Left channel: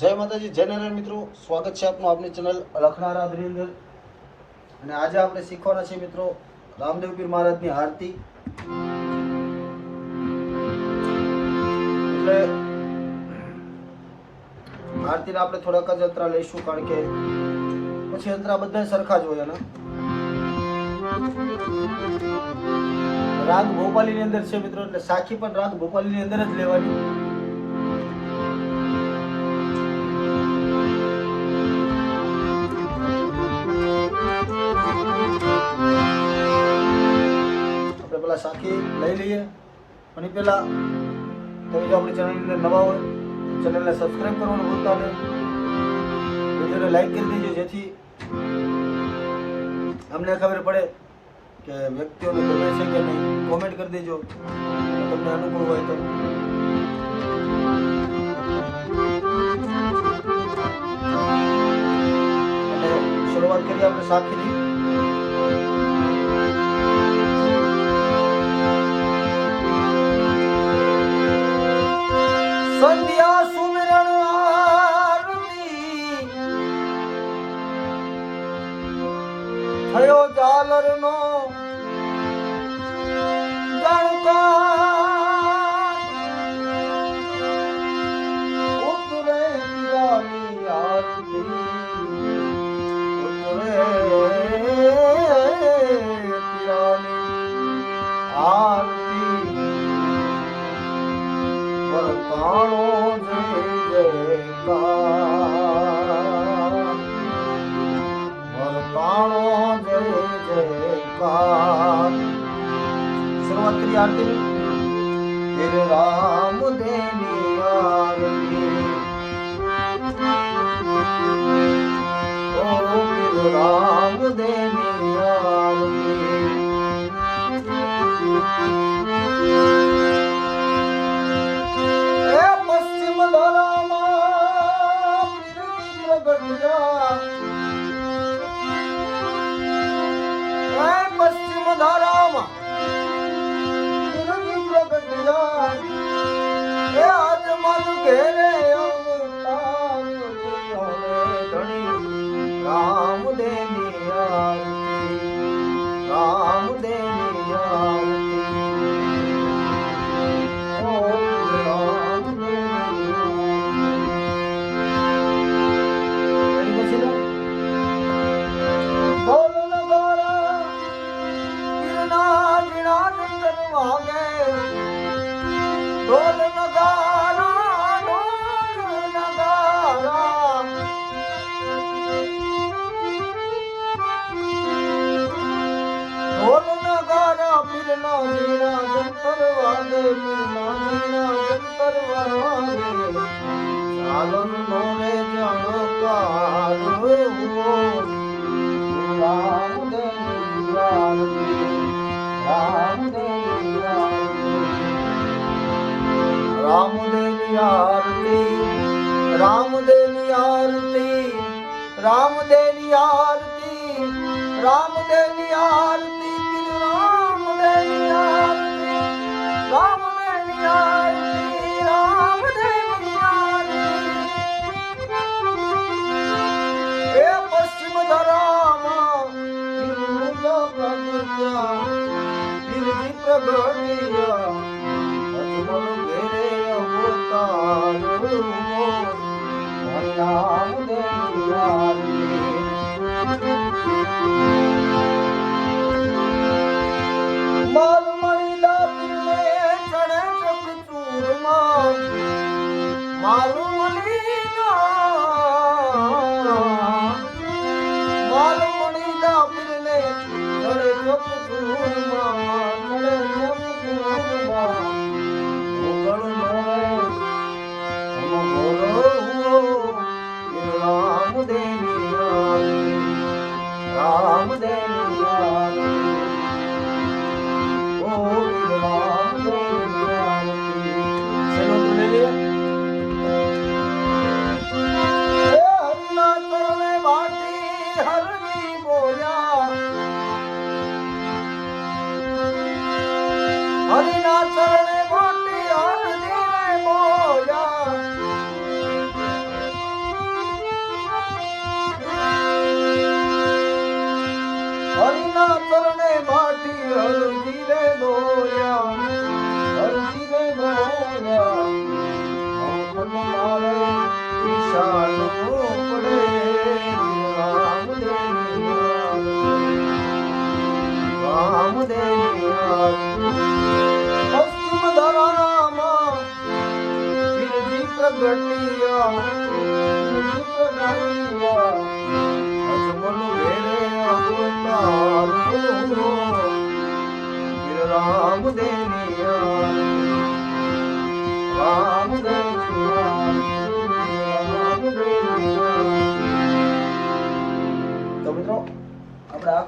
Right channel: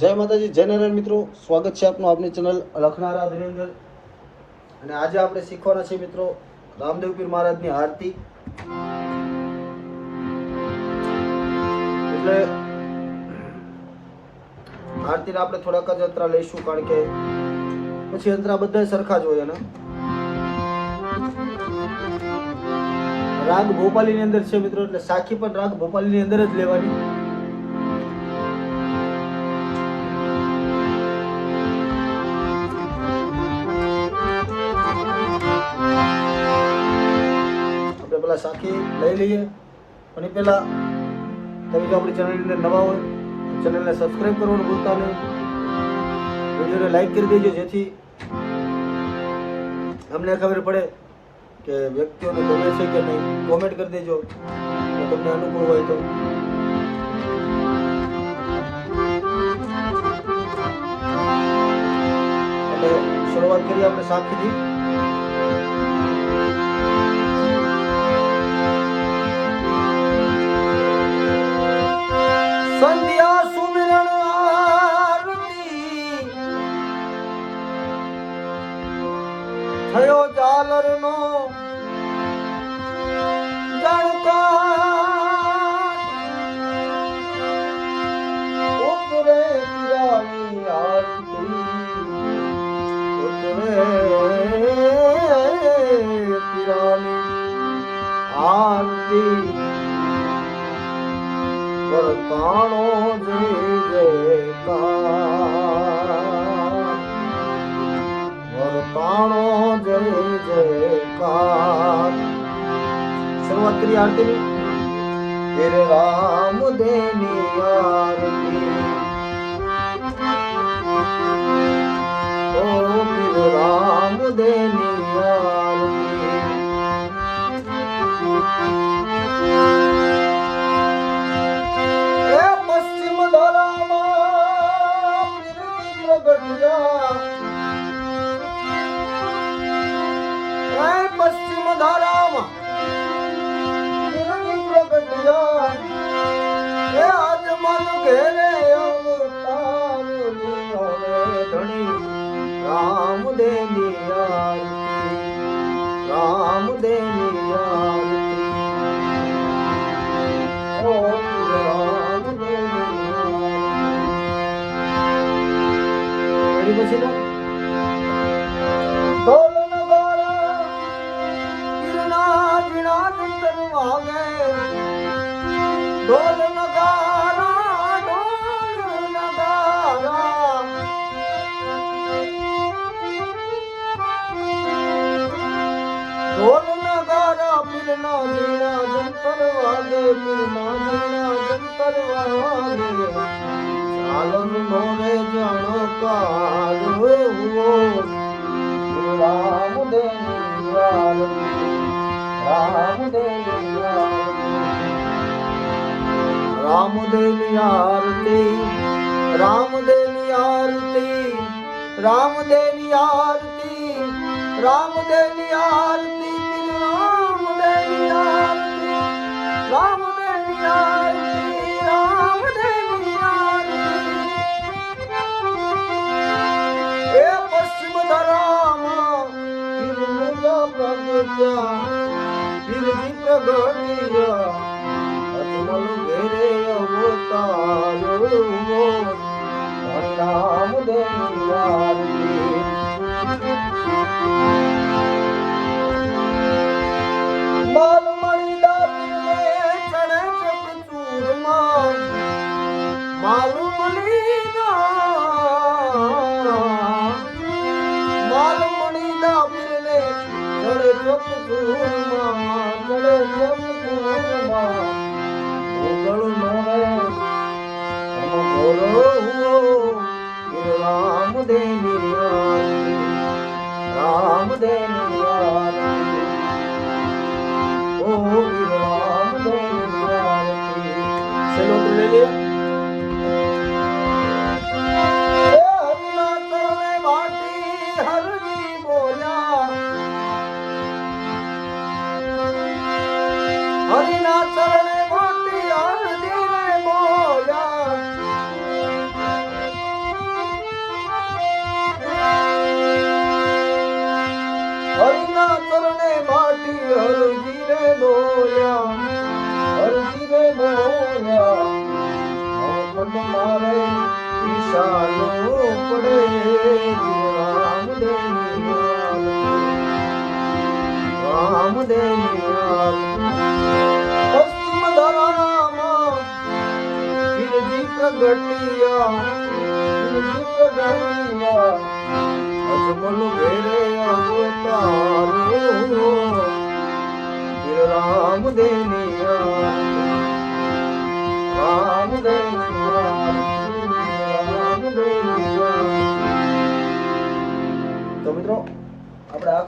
જય માતાજી, જય નારાયણ મિત્રો, સ્વાગત છે આપનું આપણી ચેનલ લખનારા બ્રિંગર। અને આજે આપણે શીખવાના છે મિત્રો રામદેવ પીર મહારાજની આરતી। એટલે આરતીના આપણે થોડાક જ અંતરા લઈશું, કારણ કે પછી અંતરા બધા સરખા જ હોય। રાગ ભોપાલીની અંદર છે મિત્રો, એટલે સાખી પણ રાગ ભોપાલીની અંદર જ લેવાની। સાખી લઈ લઈએ, અને પહેલા આપણી ચેનલની અંદર નવા હોય ચેનલને સબસ્ક્રાઈબ કરવાનું ભૂલતા નહીં, વિડીયોને લાઈક કરી દેજો, જેથી અમને ખબર પડે કે વ્યક્તિઓને ગમે છે કે નહીં। કોમેન્ટ કરી દેજો તમને અનુભવ હોય તો। શરૂઆત કરીએ આપણે સાખીથી। શરૂઆત કરી આરતી। રામ દેવની આરતી, રામ દેવની પશ્ચિમ ધરામાં રામ દેવ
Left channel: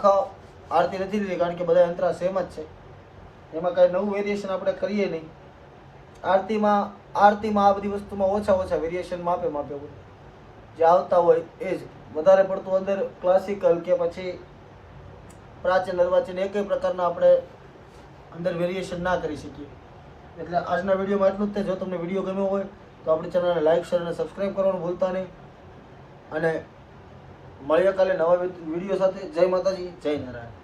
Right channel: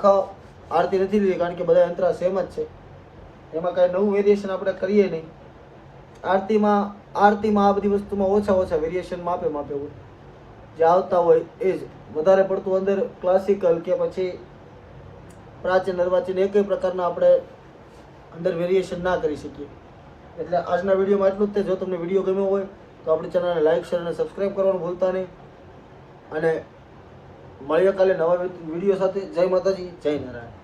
આખા આરતી નથી લીધી કારણ કે બધા યંત્ર સેમ જ છે, એમાં કાંઈ નવું વેરિએશન આપણે કરીએ નહીં. આરતીમાં આ બધી વસ્તુમાં ઓછા વેરિએશન માપે હોય, જે આવતા હોય એ જ. વધારે પડતું અંદર ક્લાસિકલ કે પછી પ્રાચીન અર્વાચીન એક પ્રકારના આપણે અંદર વેરિએશન ના કરી શકીએ. એટલે આજના વિડીયોમાં એટલું જ છે. જો તમને વિડીયો ગમ્યો હોય તો આપણી ચેનલને લાઈક, શેર અને સબસ્ક્રાઈબ કરવાનું ભૂલતા નહીં. અને મળીએ કાલે નવા વિડીયો સાથે. જય માતાજી, જય નારાયણ.